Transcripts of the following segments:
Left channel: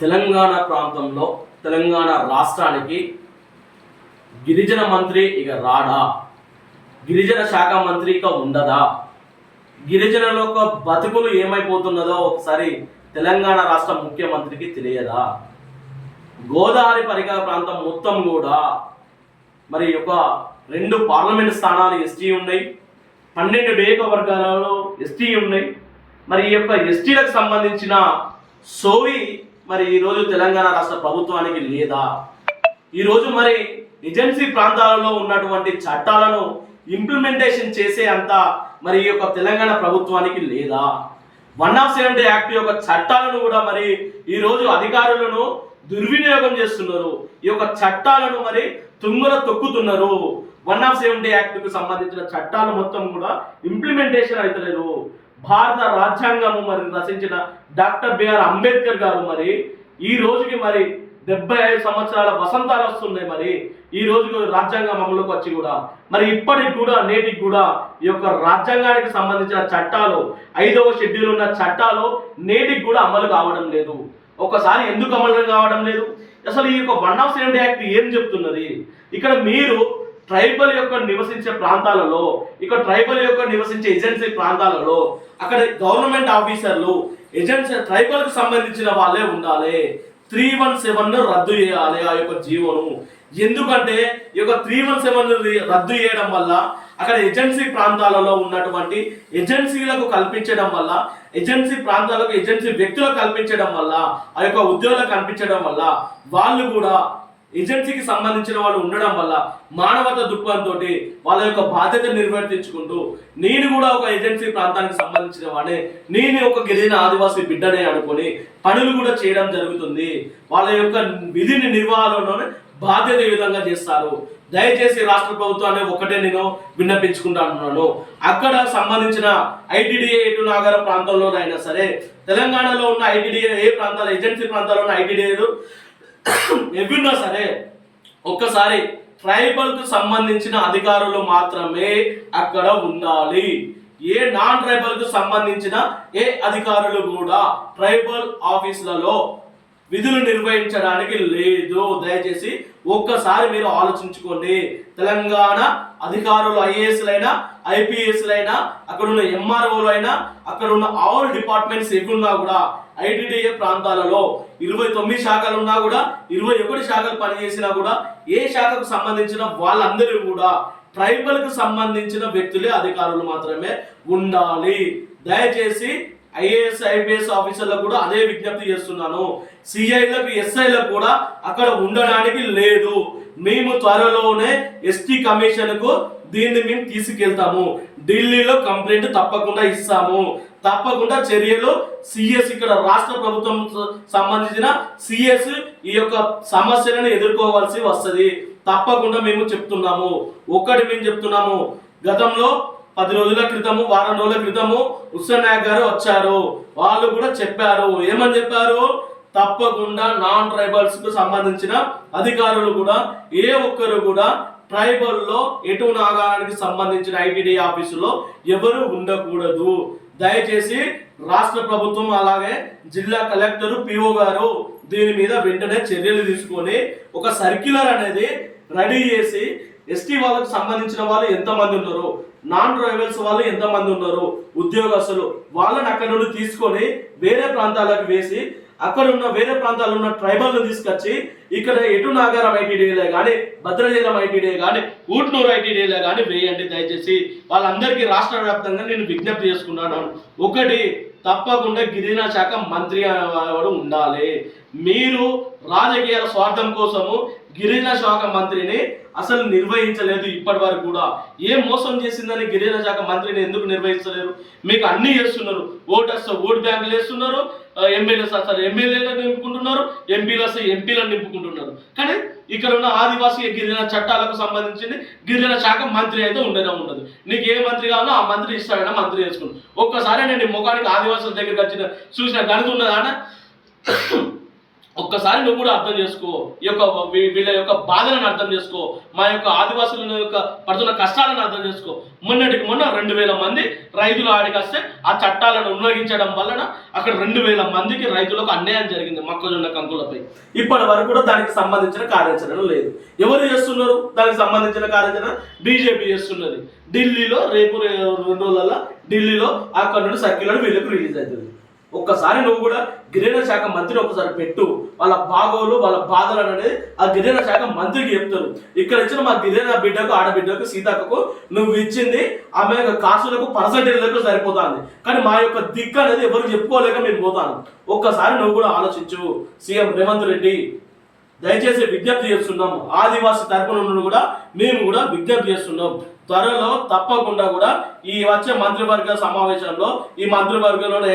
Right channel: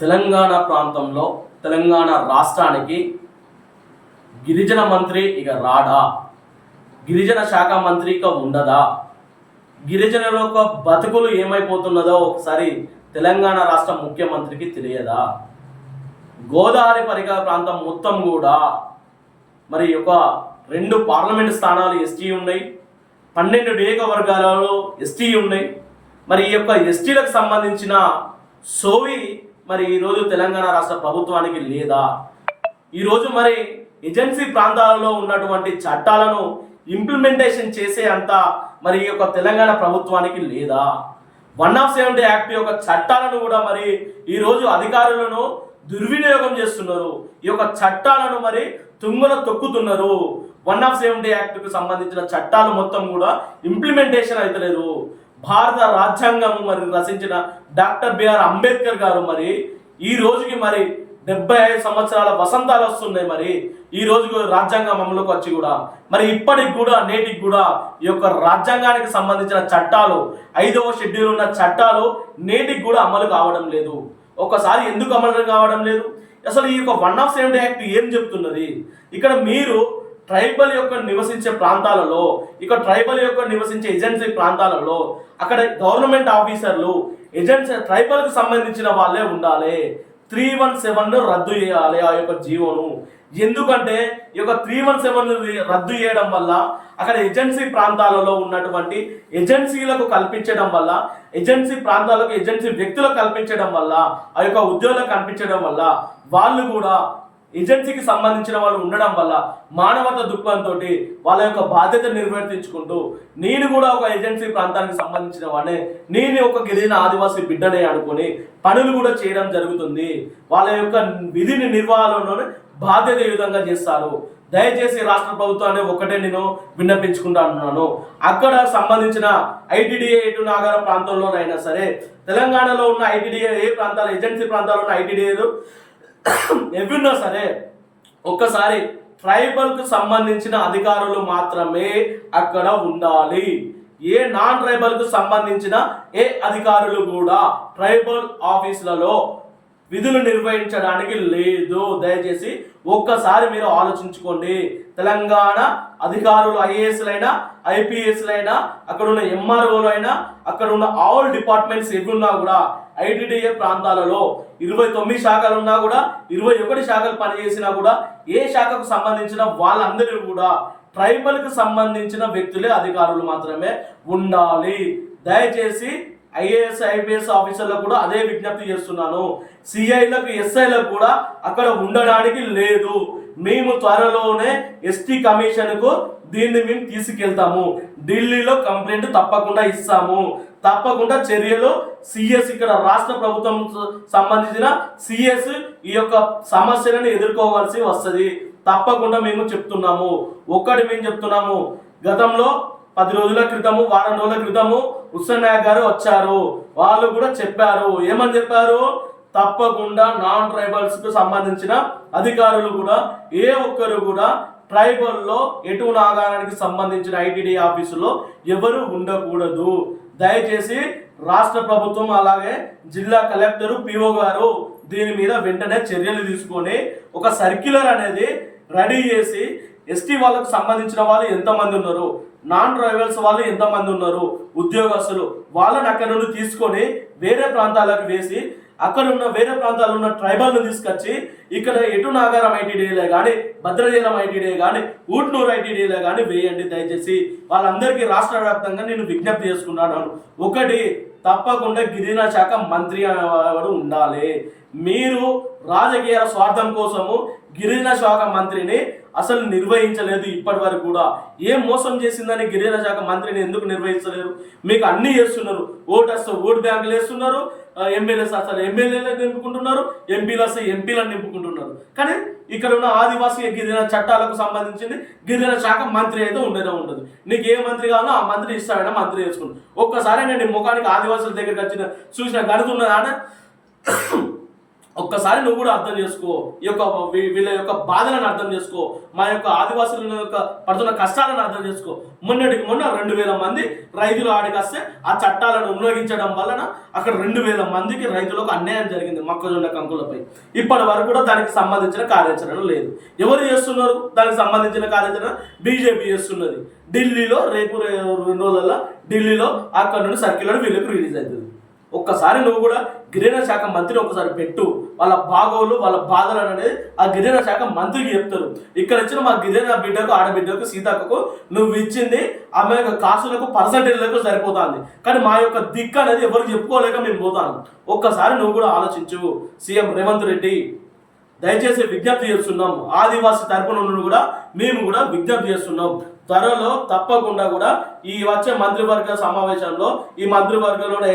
తెలంగాణ ప్రాంతంలో తెలంగాణ రాష్ట్రానికి గిరిజన మంత్రి ఇక రాడా? గిరిజన శాఖ మంత్రి ఇక ఉండదా? గిరిజనుల యొక్క బతుకులు ఏమైపోతున్నదో ఒకసారి తెలంగాణ రాష్ట్ర ముఖ్యమంత్రికి తెలియదా? గోదావరి పరిసర ప్రాంతం మొత్తం కూడా మరి ఒక 2 పార్లమెంట్ స్థానాలు ఎస్టీ ఉన్నాయి, 12 నియోజకవర్గాలలో ఎస్టీ ఉన్నాయి. మరి ఈ యొక్క ఎస్టీలకు సంబంధించిన సోయి మరి ఈరోజు తెలంగాణ రాష్ట్ర ప్రభుత్వానికి లేదా? ఈరోజు మరి ఏజెన్సీ ప్రాంతాలలో ఉన్నటువంటి చట్టాలను ఇంప్లిమెంటేషన్ చేసే అంత మరి ఈ యొక్క తెలంగాణ ప్రభుత్వానికి లేదా? 170 యాక్ట్ యొక్క చట్టాలను కూడా మరి ఈరోజు అధికారులను దుర్వినియోగం చేస్తున్నారు. ఈ యొక్క చట్టాలను మరి తుంగన తొక్కుతున్నారు. 170 యాక్ట్కు సంబంధించిన చట్టాలు మొత్తం కూడా ఇంప్లిమెంటేషన్ అవుతలేదు. భారత రాజ్యాంగము మరి రచించిన డాక్టర్ బిఆర్ అంబేద్కర్ గారు మరి ఈ రోజుకి మరి 75 సంవత్సరాల వసంతాలు వస్తున్నాయి. మరి ఈ రోజు రాజ్యాంగం అమలుకి వచ్చి కూడా మరి ఇప్పటికి కూడా నేటికి కూడా ఈ యొక్క రాజ్యాంగానికి సంబంధించిన చట్టాలు 5వ షెడ్యూల్ ఉన్న చట్టాలు నేటికి కూడా అమలు కావడం లేదు. ఒకసారి ఎందుకు అమలు కావడం లేదు? అసలు ఈ యొక్క 170 యాక్ట్ ఏం చెప్తున్నది? ఇక్కడ మీరు ట్రైబల్ యొక్క నివసించే ప్రాంతాలలో, ఇక ట్రైబల్ యొక్క నివసించే ఏజెన్సీ ప్రాంతాలలో అక్కడ గవర్నమెంట్ ఆఫీసర్లు ఏజెన్సీ ట్రైబల్కు సంబంధించిన వాళ్ళే ఉండాలి. 317 రద్దు చేయాలి ఆ యొక్క జీవోను. ఎందుకంటే ఈ యొక్క 317 రద్దు చేయడం వల్ల అక్కడ ఏజెన్సీ ప్రాంతాలలో ఉన్నటువంటి ఏజెన్సీలకు కల్పించడం వల్ల, ఏజెన్సీ ప్రాంతాలకు ఏజెన్సీ వ్యక్తులకు కల్పించడం వల్ల, ఆ యొక్క ఉద్యోగులకు కల్పించడం వల్ల వాళ్ళు కూడా ఏజెన్సీకి సంబంధించిన వాళ్ళు ఉండడం వల్ల మానవత దృక్పథంతో వాళ్ళ యొక్క బాధ్యత నిర్వర్తించుకుంటూ నేను కూడా ఒక ఏజెన్సీ ప్రాంతానికి సంబంధించిన వాడే, నేను ఒక గిరిజన ఆదివాసీ బిడ్డనే అనుకుని పనులు కూడా చేయడం జరుగుతుంది. వాళ్ళ యొక్క విధిని నిర్వహణలోనే బాధ్యత ఏ విధంగా చేస్తారు? దయచేసి రాష్ట్ర ప్రభుత్వాన్ని ఒకటే నేను విన్నపించుకుంటున్నాను. అక్కడ సంబంధించిన ఐటీడీఏ ఎటు నాగర ప్రాంతంలోనైనా సరే, తెలంగాణలో ఉన్న ఐటీడీఏ ఏ ప్రాంతాలు ఏజెన్సీ ప్రాంతాల్లో ఉన్న ఐటీడీఏలు ఎవరున్నా సరే ఒక్కసారి ట్రైబల్కు సంబంధించిన అధికారులు మాత్రమే అక్కడ ఉండాలి. ఏ నాన్ ట్రైబల్కు సంబంధించిన ఏ అధికారులు కూడా ట్రైబల్ ఆఫీసులలో విధులు నిర్వహించడానికి లేదు. దయచేసి ఒక్కసారి మీరు ఆలోచించుకోండి. తెలంగాణ అధికారులు ఐఏఎస్లైనా ఐపీఎస్లైనా అక్కడ ఉన్న ఎంఆర్ఓలు అయినా అక్కడ ఉన్న ఆల్ డిపార్ట్మెంట్స్ ఎగున్నా కూడా ఐటీడీఏ ప్రాంతాలలో 29 శాఖలు ఉన్నా కూడా 21 శాఖలు పనిచేసినా కూడా ఏ శాఖకు సంబంధించిన వాళ్ళందరూ కూడా ట్రైబల్కు సంబంధించిన వ్యక్తులే అధికారులు మాత్రమే ఉండాలి. దయచేసి ఐఏఎస్ ఐపీఎస్ ఆఫీసర్లకు కూడా అదే విజ్ఞప్తి చేస్తున్నాను. సిఐలకు ఎస్ఐలకు కూడా అక్కడ ఉండడానికి లేదు. మేము త్వరలోనే ఎస్టీ కమిషన్కు దీన్ని మేము తీసుకెళ్తాము. ఢిల్లీలో కంప్లైంట్ తప్పకుండా ఇస్తాము. తప్పకుండా చర్యలు సిఎస్ ఇక్కడ రాష్ట్ర ప్రభుత్వం సంబంధించిన సిఎస్ ఈ యొక్క సమస్యలను ఎదుర్కోవాల్సి వస్తుంది. తప్పకుండా మేము చెప్తున్నాము. ఒక్కటి మేము చెప్తున్నాము, గతంలో 10 రోజుల క్రితము, వారం రోజుల క్రితము హుస్సేన్ నాయక్ గారు వచ్చారు. వాళ్ళు కూడా చెప్పారు. ఏమని చెప్పారు? తప్పకుండా నాన్ ట్రైబల్స్ కు సంబంధించిన అధికారులు కూడా ఏ ఒక్కరు కూడా ట్రైబల్లో ఎటు నాగానికి సంబంధించిన ఐటీడీ ఆఫీసులో ఎవరు ఉండకూడదు. దయచేసి రాష్ట్ర ప్రభుత్వం అలాగే జిల్లా కలెక్టర్ పిఓ గారు దీని మీద వెంటనే చర్యలు తీసుకొని ఒక సర్క్యులర్ అనేది రెడీ చేసి ఎస్టీ వాళ్ళకు సంబంధించిన వాళ్ళు ఎంతమంది ఉన్నారు, నాన్ ట్రైబల్స్ వాళ్ళు ఎంతమంది ఉన్నారు, ఉద్యోగస్తులు వాళ్ళని అక్కడ నుండి తీసుకొని వేరే ప్రాంతాలకు వేసి అక్కడ ఉన్న వేరే ప్రాంతాల్లో ఉన్న ట్రైబల్ను తీసుకొచ్చి ఇక్కడ ఎటు నాగారం ఐటీడీఏలే కానీ, భద్రాచలం ఐటీడీఏ కానీ, ఊట్నూరు ఐటీడీఏలే కానీ వేయండి. దయచేసి వాళ్ళందరికీ రాష్ట్ర వ్యాప్తంగా నేను విజ్ఞప్తి చేసుకున్నాను. ఒకటి, తప్పకుండా గిరిజన శాఖ మంత్రి అనేవాడు ఉండాలి. మీరు రాజకీయ స్వార్థం కోసము గిరిజన శాఖ మంత్రిని అసలు నిర్వహించలేదు. ఇప్పటి వరకు కూడా ఏం మోసం చేసిందని గిరిజన శాఖ మంత్రిని ఎందుకు నిర్వహించలేరు? మీకు అన్నీ చేస్తున్నారు. ఓటు వస్తే ఓటు బ్యాంకులు వేస్తున్నారు, ఎమ్మెల్యేస్ అసలు ఎమ్మెల్యేలను నింపుకుంటున్నారు, ఎంపీలు వస్తే ఎంపీలను నింపుకుంటున్నారు. కానీ ఇక్కడ ఉన్న ఆదివాసీ గిరిజన చట్టాలకు సంబంధించింది గిరిజన శాఖ మంత్రి అయితే ఉండనే ఉండదు. నీకు ఏ మంత్రి కావాలో ఆ మంత్రి ఇస్తాడైనా మంత్రి చేసుకుంటు. ఒక్కసారి నేను ముఖానికి ఆదివాసుల దగ్గరికి వచ్చిన చూసిన గడుతున్నదాన ఒక్కసారి నువ్వు కూడా అర్థం చేసుకో, ఈ యొక్క వీళ్ళ యొక్క బాధలను అర్థం చేసుకో, మా యొక్క ఆదివాసుల యొక్క పడుతున్న కష్టాలను అర్థం చేసుకో. మొన్నటికి మొన్న 2000 మంది రైతులు ఆడికి వస్తే ఆ చట్టాలను ఉల్లంఘించడం వలన అక్కడ 2000 మందికి రైతులకు అన్యాయం జరిగింది మొక్కజొన్న కంకులపై. ఇప్పటి వరకు కూడా దానికి సంబంధించిన కార్యాచరణ లేదు. ఎవరు చేస్తున్నారు దానికి సంబంధించిన కార్యాచరణ? బీజేపీ చేస్తున్నది. ఢిల్లీలో రేపు 2 రోజులలో ఢిల్లీలో అక్కడ నుండి సర్క్యులర్ వీళ్ళకి రిలీజ్ అవుతుంది. ఒక్కసారి నువ్వు కూడా గిరిజన శాఖ మంత్రిని ఒకసారి పెట్టు. వాళ్ళ బాగోలు వాళ్ళ బాధలు అనేది ఆ గిరిజన శాఖ మంత్రికి చెప్తారు. ఇక్కడ ఇచ్చిన మా గిరిజన బిడ్డకు ఆడబిడ్డకు సీతక్కకు నువ్వు ఇచ్చింది ఆమె యొక్క కాసులకు పర్సంటేజ్లకు సరిపోతుంది, కానీ మా యొక్క దిక్కు అనేది ఎవరికి చెప్పుకోలేక మేము పోతాను. ఒక్కసారి నువ్వు కూడా ఆలోచించు. సీఎం రేవంత్ రెడ్డి దయచేసి విజ్ఞప్తి చేస్తున్నాం. ఆదివాసీ తరపున నుండి కూడా మేము కూడా విజ్ఞప్తి చేస్తున్నాం. త్వరలో తప్పకుండా కూడా ఈ వచ్చే మంత్రివర్గ సమావేశంలో ఈ మంత్రివర్గంలోనే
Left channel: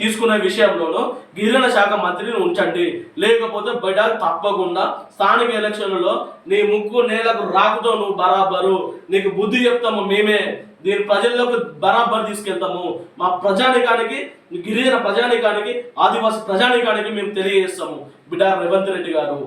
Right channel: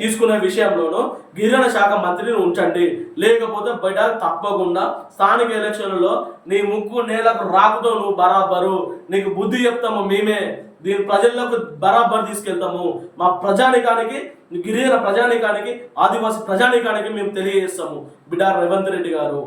తీసుకునే విషయంలోనూ గిరిజన శాఖ మంత్రిని ఉంచండి. లేకపోతే బయట తప్పకుండా స్థానిక ఎలక్షన్లలో నీ ముక్కు నేలకు రాకుతో నువ్వు బరాబరు నీకు బుద్ధి చెప్తాము. మేమే దీని ప్రజల్లోకి బరాబర్ తీసుకెళ్తాము. మా ప్రజానికానికి, గిరిజన ప్రజానికానికి, ఆదివాసీ ప్రజానికానికి మేము తెలియజేస్తాము. బిడ్డ రేవంత్ రెడ్డి గారు.